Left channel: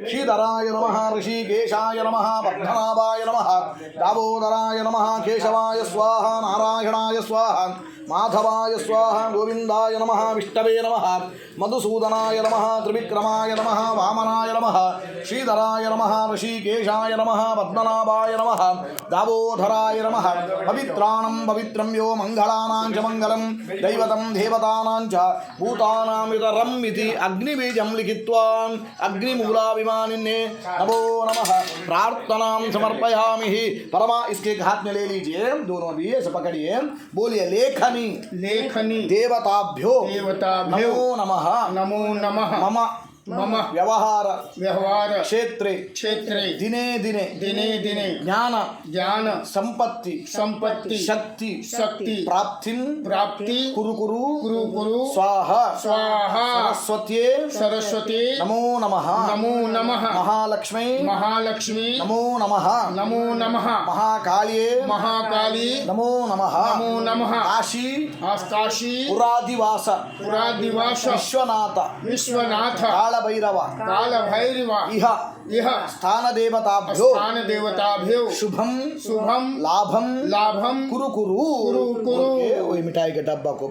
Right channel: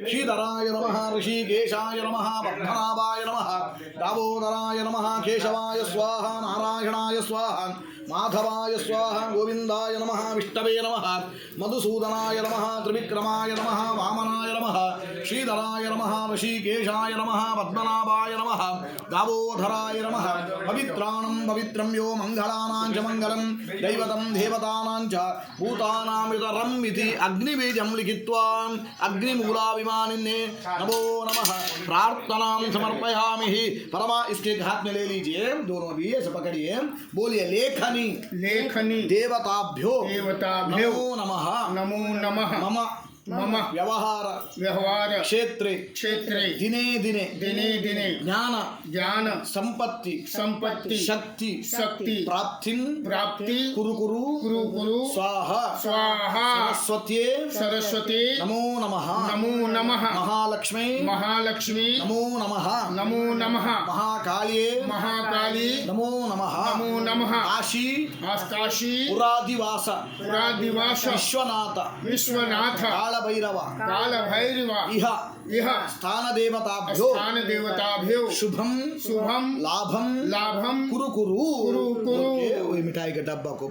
श्रीधराय नमः ऋषिकेशाय नमः पद्मनाभाय नमः दामोदराय नमः केशवाय स्वाहा नारायणाय स्वाहा माधवाय स्वाहा गोविंदाय नमः विष्णवे नमः मधुसूदनाय नमः त्रिविक्रमाय नमः वामनाय नमः श्रीधराय नमः ऋषिकेशाय नमः पद्मनाभाय नमः दामोदराय नमः पवित्राणं पवित्रं यो मंगलानां च मंगलं दैवतं देवतानां च भूतानां इतरम् इति अग्निबीजं लिखित्वा अग्निमूलाभिमानिने नमो नमः प्रार्थनां समर्पयामि। परमा इसके हाथ में ले लीजिए, दोनों भी ऐसे पकड़िए, बोलिए लेखनी लेखनी देवताभ्यो देवताभ्यो नमो नमः नमो नमः मम मम व्यवहार क्षेत्रे दिने दिने ज्ञान संपत्ति शक्ति प्राप्ति कुरु स्वाहा सरस्वती नमो नमः महालक्ष्मी नमो नमः महाकाली नमो नमः काशी पुरादिवास विश्वनाथ कालभैरव इह स्थान देवताभ्यो शुभम लाभम कुरु मिठाई के डब्बा को